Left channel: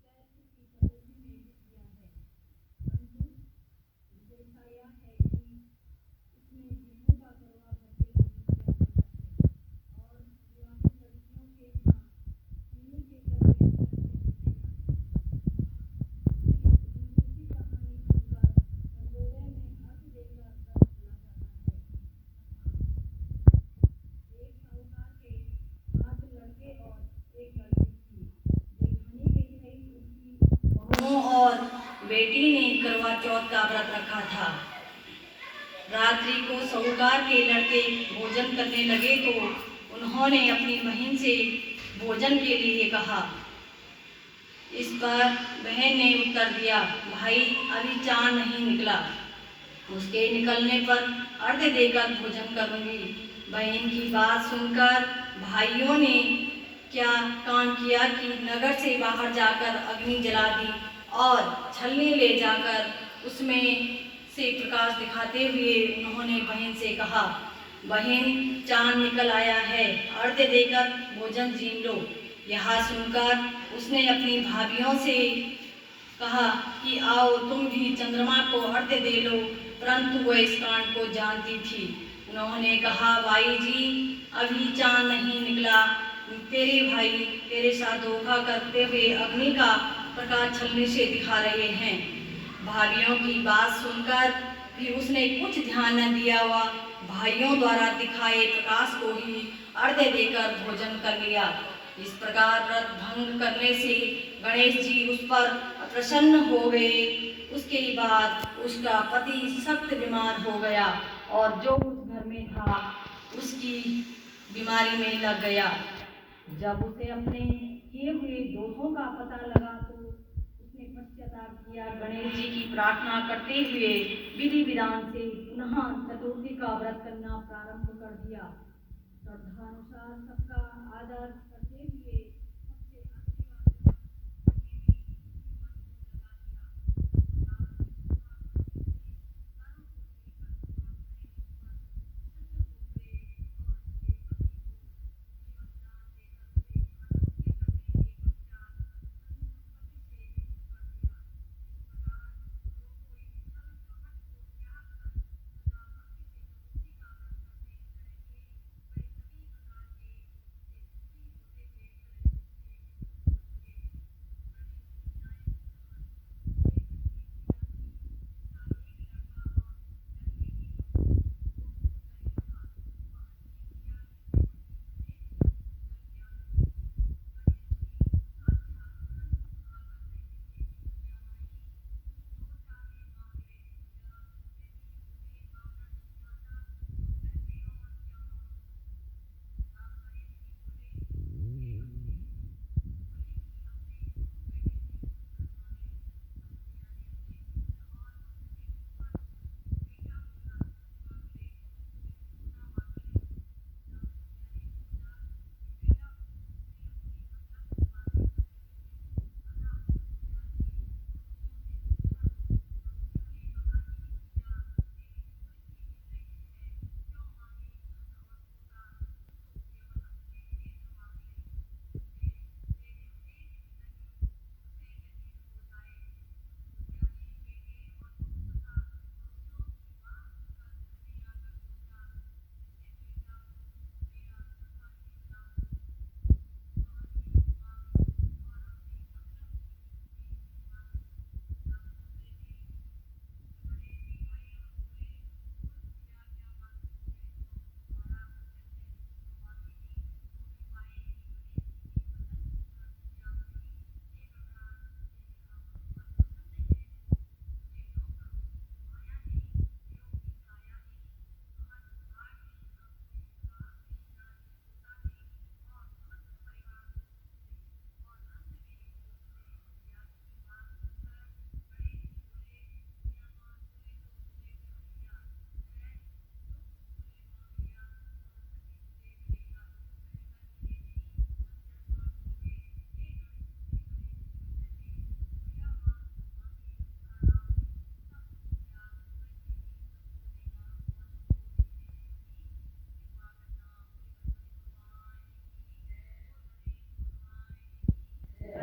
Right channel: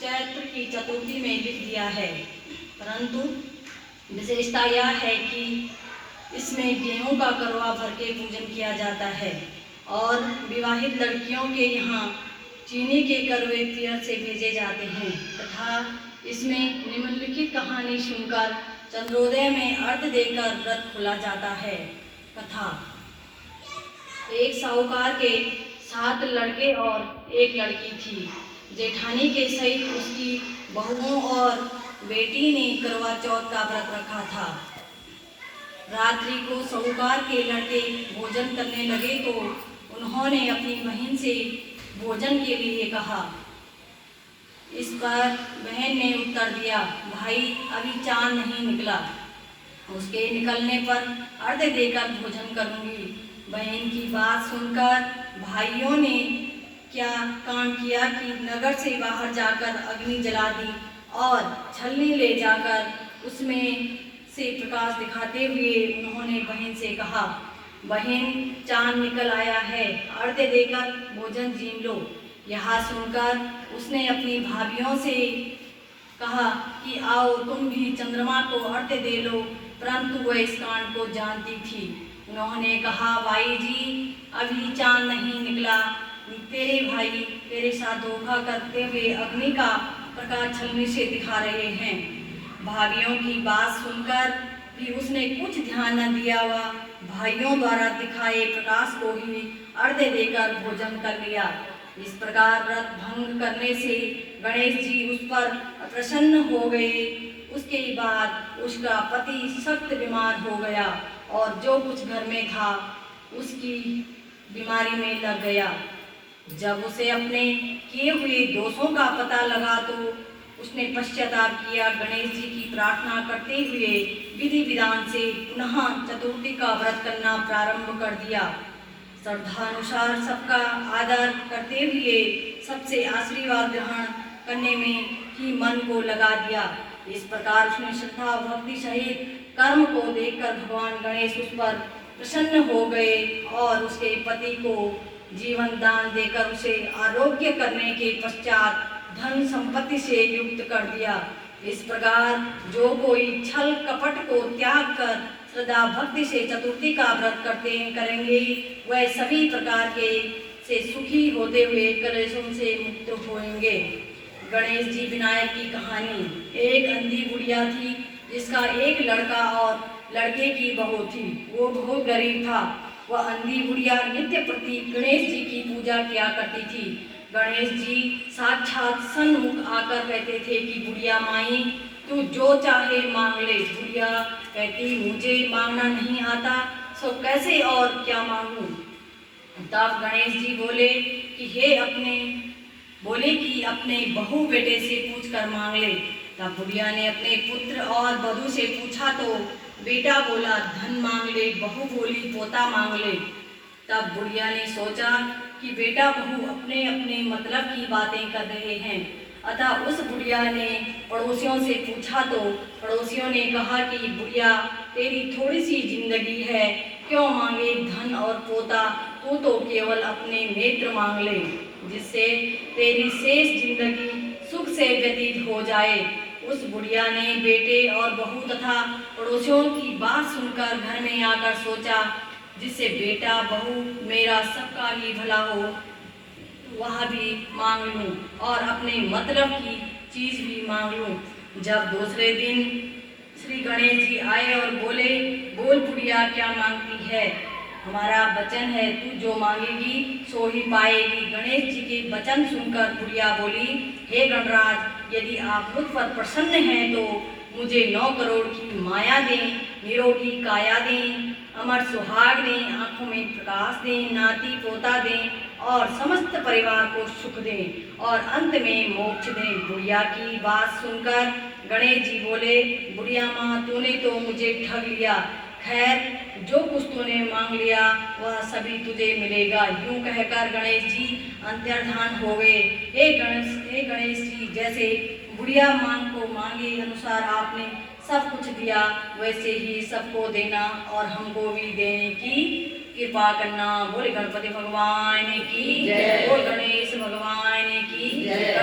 चैत्र की चतुर्थी में लिख दिया है, परंतु विशेषता यह है कि इसमें गेहूं का करवा भर के पूजन किया जाता है और विवाहित लड़कियों के यहाँ चीनी के करवे पियर से भेजे जाते हैं तथा इसमें निम्नलिखित कहानी सुनकर चंद्रोदय में अर्घ देकर व्रत खोला जाता है। कथा। एक साहूकार के 7 लड़के और एक लड़की थी। जेठानी के सहित उसकी बहुओं और बेटी ने करवा चौथ का व्रत रखा था। रात्रि को साहूकार के लड़के भोजन करने लगे तो उन्होंने अपनी बहन से भोजन के लिए कहा। इस पर बहन ने उत्तर दिया, भाई अभी चांद नहीं निकला, उसके निकलने पर अर्घ देकर भोजन करूंगी। बहन की बात सुनकर भाइयों ने क्या काम किया कि नगर से बाहर जाकर अग्नि जला दी और छलनी ले जाकर उसमें से प्रकाश दिखाते हुए उन्होंने बहन से कहा, बहन चांद निकल आया है, अर्घ देकर भोजन जीन लो। यह सुनकर उसने अपनी भाभियों से कहा कि आओ तुम भी चंद्रमा को अर्घ दे लो, परंतु वह इस कांड को जानती थी। उन्होंने कहा, भाई जी अभी चांद नहीं निकला, तेरे भाई तेरे साथ धोखा करते हुए अग्नि का प्रकाश छलनी से दिखा रहे हैं। भाइयों की बात सुनकर भी उसने कुछ ध्यान न दिया व भाइयों द्वारा दिखाए प्रकाश को ही अर्घ देकर भोजन कर लिया। इस प्रकार व्रत भंग करने से गणेश जी उस पर प्रसन्न हो गए। उसके बाद उसका पति सख्त बीमार हो गया और जो कुछ घर में था उसकी बीमारी में लग गया। जब उसे अपने किए हुए दोषों का पता लगा तो उसने पश्चाताप किया। गणेश जी की प्रार्थना करते हुए विधि विधान से पुनः चतुर्थी का व्रत करना प्रारंभ कर दिया। श्रद्धानुसार सबका आदर करते हुए सबसे आशीर्वाद ग्रहण करने में ही मन को लगा दिया। इस प्रकार उसने श्रद्धा भक्ति सहित कर्म को देखकर भगवान गणेश उस पर प्रसन्न हो गए और उसके पति को जीवन दान देकर उसे आरोग्य करने के पश्चात धन संपत्ति से युक्त कर दिया। इस प्रकार जो कोई छल कपट को त्याग कर श्रद्धा भक्ति से चतुर्थी का व्रत करेंगे वह सभी प्रकार के से सुखी होते हुए कलेशों से मुक्त होंगे। गणेश जी विनायक की कहानी। एक अंधी बुढ़िया थी जिसका एक लड़का और लड़के की बहू थी। वो बहुत गरीब था। वह अंधी बुढ़िया नित्य प्रति गणेश जी की पूजा किया करती थी। गणेश जी साक्षात सन्मुख आकर कहते थे कि बुढ़िया माई तू जो चाहे मांग ले। बुढ़िया कहती, मुझे मांगना नहीं आता, सो कैसे और क्या मांगूं। तब गणेश जी बोले कि अपने बहू बेटे से पूछकर मांग ले। तब बुढ़िया ने अपने पुत्र और बधू से पूछा तो बेटा बोला धन मांग ले, बहू बोली पोता मांग ले। तब बुढ़िया ने सोचा कि बेटा बहू अपने अपने मतलब की बातें कर रहे हैं, अतः उस बुढ़िया ने पड़ोसियों से पूछा तो पड़ोसियों ने कहा कि बुढ़िया तेरी थोड़ी सी जिंदगी है, क्यों मांगे धन और पोता, तू तो केवल अपने नेत्र मांग ले, जिससे तेरी शेष जिंदगी सुख से व्यतीत हो जाए। उस बुढ़िया ने बेटे और बहू तथा पड़ोसियों की बात सुनकर घर में आकर सोचा, जिससे बेटा बहू मेरा सबका ही भला हो, वह भी मांग लूं और अपने मतलब की चीज भी मांग लूं। जब दूसरे दिन श्री गणेश जी आए और बोले, बोल बुढ़िया क्या मांगती है, हमारा वचन है तू जो मांगेगी सो ही पाएगी। गणेश जी के वचन सुनकर बुढ़िया बोली, हे गणराज, यदि आप मुझ पर प्रसन्न हैं तो मुझे 9 करोड़ की माया दें, निरोगी काया दें, अमर सुहाग दें, आंखों में प्रकाश दें, नाती पोता दें और समस्त परिवार को सुख दें और अंत में मोक्ष दें। बुढ़िया की बात सुनकर गणेश जी बोले, बुढ़िया माँ तूने तो मुझे ठग लिया, खैर जो कुछ तूने मांग लिया वह सभी तुझे मिलेगा। यूं कहकर गणेश जी अंतर्धान हो गए। हे गणेश जी, जैसे बुढ़िया मांग को मांगे अनुसार आपने सब कुछ दिया, वैसे ही सबको देना और हमको भी देने की कृपा करना। बोले गणपति भगवान की जय, बोल गणेश भगवान की जय।